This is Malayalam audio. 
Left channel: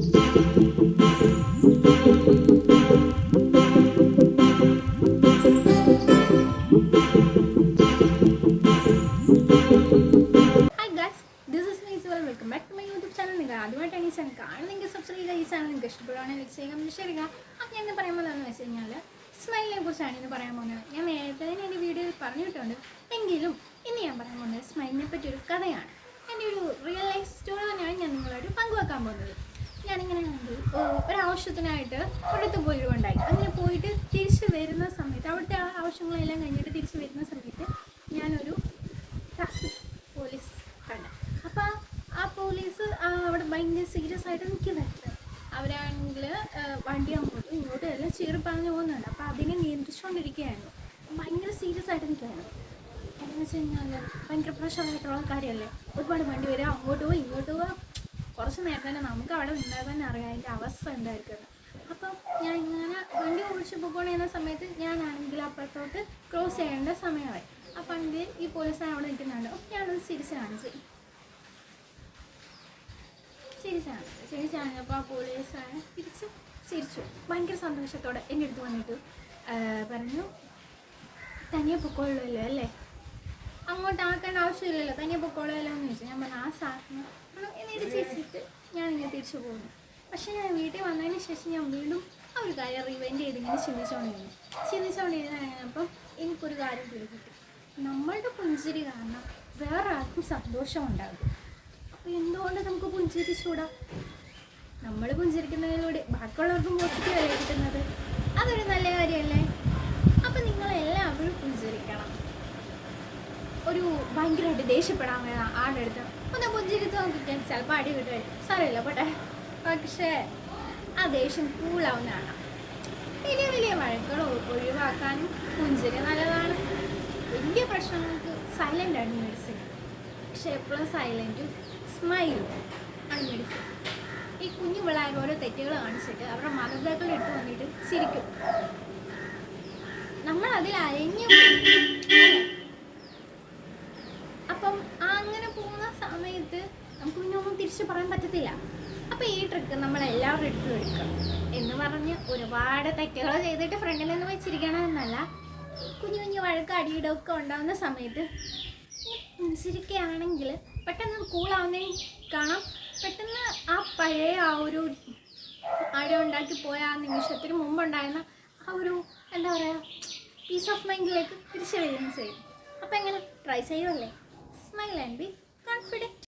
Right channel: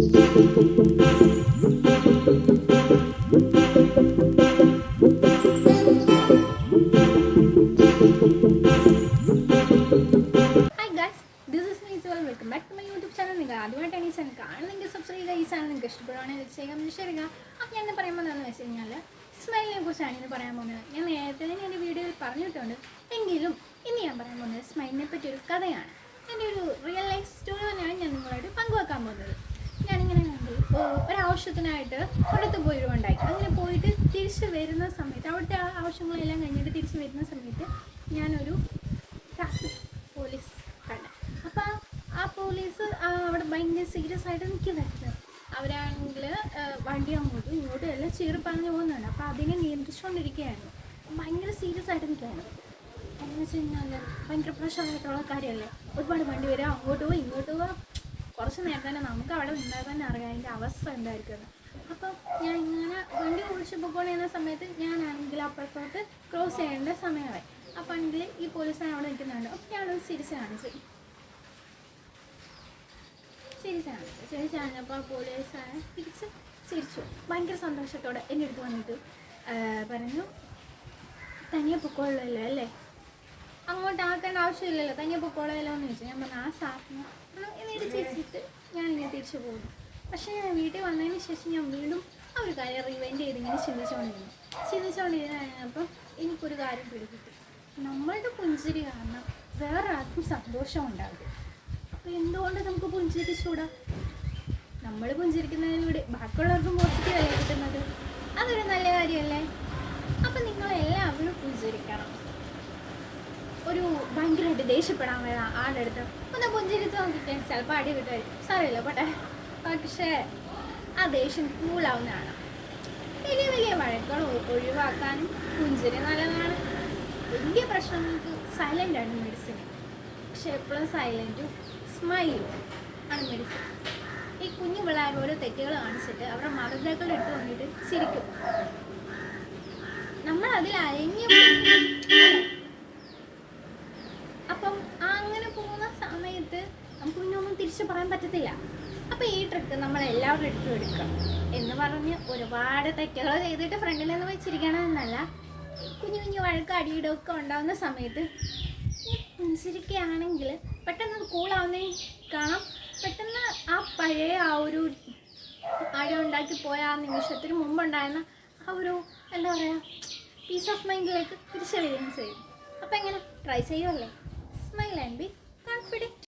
Welcome back to my YouTube channel. നിങ്ങൾ ആദ്യമായിട്ടാണ് ഈ ചാനൽ കാണുന്നെങ്കിൽ സബ്സ്ക്രൈബ് ചെയ്യുക. ഈ ചാനൽ നിങ്ങൾക്ക് ഇഷ്ടപ്പെടുവാണെങ്കിൽ ചെയ്യാൻ ശരിയാ. അപ്പോൾ ഞാൻ പറയാൻ പോകുന്നതെന്ന് വെച്ച് കഴിഞ്ഞാൽ സ്മൈലിനെ കുറിച്ചാണ് ഇന്ന് പറയാൻ പോകുന്നത്. ഞാൻ നേരത്തെ തന്നെ എൻ്റെ വീഡിയോയിൽ പറഞ്ഞിട്ടുണ്ട്, എങ്കിലും ഇന്ന് ഞാൻ പറയാൻ പോകുന്നത് സ്മൈലിനെ പറ്റിയൊരു കഥയാണ്. എൻ്റെ ഒരു റിയൽ ലൈഫ് സ്റ്റോറി തന്നെയാണ് ഞാൻ നിങ്ങളായിട്ട് പങ്കുവെക്കാൻ പോകുന്നത്. ഞാനിങ്ങനെ ഒരാവശ്യത്തിനായിട്ട് ഒരിടത്ത് പോയിട്ടുണ്ടായി. അങ്ങനെ പോയിട്ട് തിരിച്ച് വരുന്ന സമയത്ത്, അവിടുത്തെ ആവശ്യങ്ങളെല്ലാം കഴിഞ്ഞിട്ട് തിരിച്ച് വരുന്ന സമയത്ത് ഞാനൊരു ട്രാഫിക് പോലീസ് കണ്ടു. അപ്പോൾ ആ പോലീസ് അവിടെ ഭയങ്കര സീരിയസ് ആയിട്ട് നിൽക്കുന്നുണ്ട്. അവരാണെങ്കിൽ വണ്ടി അങ്ങോട്ടും ഇങ്ങോട്ടും എല്ലാം ചീറിപ്പറഞ്ഞ് പോകുന്നുണ്ട്. അപ്പോൾ അതിനെ നിയന്ത്രിച്ചുകൊണ്ടിരിക്കുകയായിരുന്നു. ഭയങ്കര സീരിയസ് ആയിട്ട് നിൽക്കുകയായിരുന്നു. എന്ന് വെച്ച് കഴിഞ്ഞാൽ ഭയങ്കര പ്രശ്നമായിട്ടുള്ള കാര്യമല്ലേ, ഒരുപാട് വണ്ടി വരിക, അങ്ങോട്ട് പോവുക ഇങ്ങോട്ട് പോവുക. കുറച്ച് നേരം തന്നെ നമുക്ക് അവിടെ നിന്നാൽ തന്നെ അറിയാം അതിൻ്റെ അവസ്ഥ എന്തായിരിക്കും. അപ്പം ഞാൻ ഇങ്ങനെ വണ്ടി ഓടിച്ച് പോയിക്കൊണ്ടിരുന്ന സമയത്ത് ഞാനാണെങ്കിൽ അപ്പുറത്തോട്ട് ക്രോസ് ചെയ്യേണ്ട സമയമായി. അപ്പം ആണെങ്കിൽ ഈ പോലീസാണ് അവിടെ നിൽക്കുന്നുണ്ട്. അപ്പം ഞാനത് തിരിച്ച് കാണിച്ചപ്പോൾ ആ പോലീസാണ് ചിരിച്ചു. ഭയങ്കര സന്തോഷത്തോടെ എൻ്റെ അടുത്ത് വന്നിട്ട് പറഞ്ഞു, തനിയെ പൊക്കോളല്ലോ അല്ലേ, അങ്ങോട്ട് ആക്കേണ്ട ആവശ്യമില്ലല്ലോ, തനിയെ പൊക്കോളല്ലോ എന്ന് ചോദിച്ചു. ഞാൻ പറഞ്ഞു ആ സാറിന് എന്നിട്ട് ചിരിച്ചിട്ട് ഞാനിങ്ങനെ തിരിച്ചു പോകുന്നു. പക്ഷേ ഞാൻ വീട്ടിൽ വന്നതിന് ശേഷം ഞാൻ വീണ്ടും ആ ഒരു കാര്യം റിവൈൻഡ് ചെയ്ത് ഇങ്ങനെ ചിന്തിച്ചുകൊണ്ടിരുന്നപ്പം എനിക്കൊരു കാര്യം പിടികിട്ടി. നമ്മളുടെ പുഞ്ചിരി കാരണം വേറെ ആർക്കും സന്തോഷം ഉണ്ടാകും. അപ്പോൾ എന്തുകൊണ്ട് നമുക്ക് പുഞ്ചിരിച്ചൂടാ? നമ്മൾ പുഞ്ചിരിക്കുന്നതിലൂടെ ബാക്കിയുള്ളവർക്കും പോസിറ്റീവ് അല്ലേ കിട്ടുന്നത്? അതൊരു നല്ല കാര്യമല്ലേ? അപ്പം നിങ്ങളെല്ലാവരും പുഞ്ചിരിക്കണം. ഒരു ഭയങ്കരമായിട്ട് ദേഷ്യപ്പെടാൻ വരാം ആളുടെ അടുത്ത് ഒന്ന് പുഞ്ചിരിച്ച് നോക്കിക്കാൻ, ചിലപ്പോൾ അടി കിട്ടുമായിരിക്കും, സാരമില്ല പോട്ടെ. പക്ഷേ ആ ദേഷ്യം കൂളാവുന്നതാണ്. വലിയ വഴക്കുകൾ ഒഴിവാക്കാനും പുഞ്ചിരി നല്ലതാണ്. വലിയ പ്രശ്നങ്ങൾക്ക് സൈലൻ്റാണ് മെഡിസിൻ. പക്ഷെ എപ്പോഴും സൈലൻറ്റും സ്മൈലും ആണ് മെഡിസിൻ. ഈ കുഞ്ഞു പിള്ളേർ ഓരോ തെറ്റുകൾ കാണിച്ചിട്ട് അവരുടെ മാതാപിതാക്കളുടെ അടുത്ത് വന്നിട്ട് ചിരിക്കും. നമ്മൾ അതിൽ അരഞ്ഞു അപ്പം അങ്ങനെ പോകുന്ന സമയത്ത് നമുക്ക് പിന്നെ ഒന്നും തിരിച്ചു പറയാൻ പറ്റത്തില്ല. അപ്പോൾ ഈ ട്രിക്ക് നമ്മളെല്ലാവരുടെ അടുത്തും എടുക്കുക എന്ന് പറഞ്ഞ് ഒരുപാട് തെറ്റുകൾ ചെയ്തിട്ട് ഫ്രണ്ടിൽ നിന്ന് വെച്ചിരിക്കണം എന്നല്ല. കുഞ്ഞു വഴക്ക് അടിയിടമൊക്കെ ഉണ്ടാകുന്ന സമയത്ത് പുഞ്ചിരിക്കുകയാണെങ്കിൽ പെട്ടെന്ന് അത് കൂളാവുന്നേ കാണാം. പെട്ടെന്ന് ആ പഴയ ആ ഒരു അടി ഉണ്ടാക്കി പോയ ആ നിമിഷത്തിന് മുമ്പുണ്ടായിരുന്ന ആ ഒരു എന്താ പറയുക പീസ് ഓഫ് മൈൻഡിലേക്ക് തിരിച്ചു വരികയും ചെയ്യും. അപ്പോൾ എങ്ങനെ try ചെയ്യുമല്ലേ? Smile and be confident.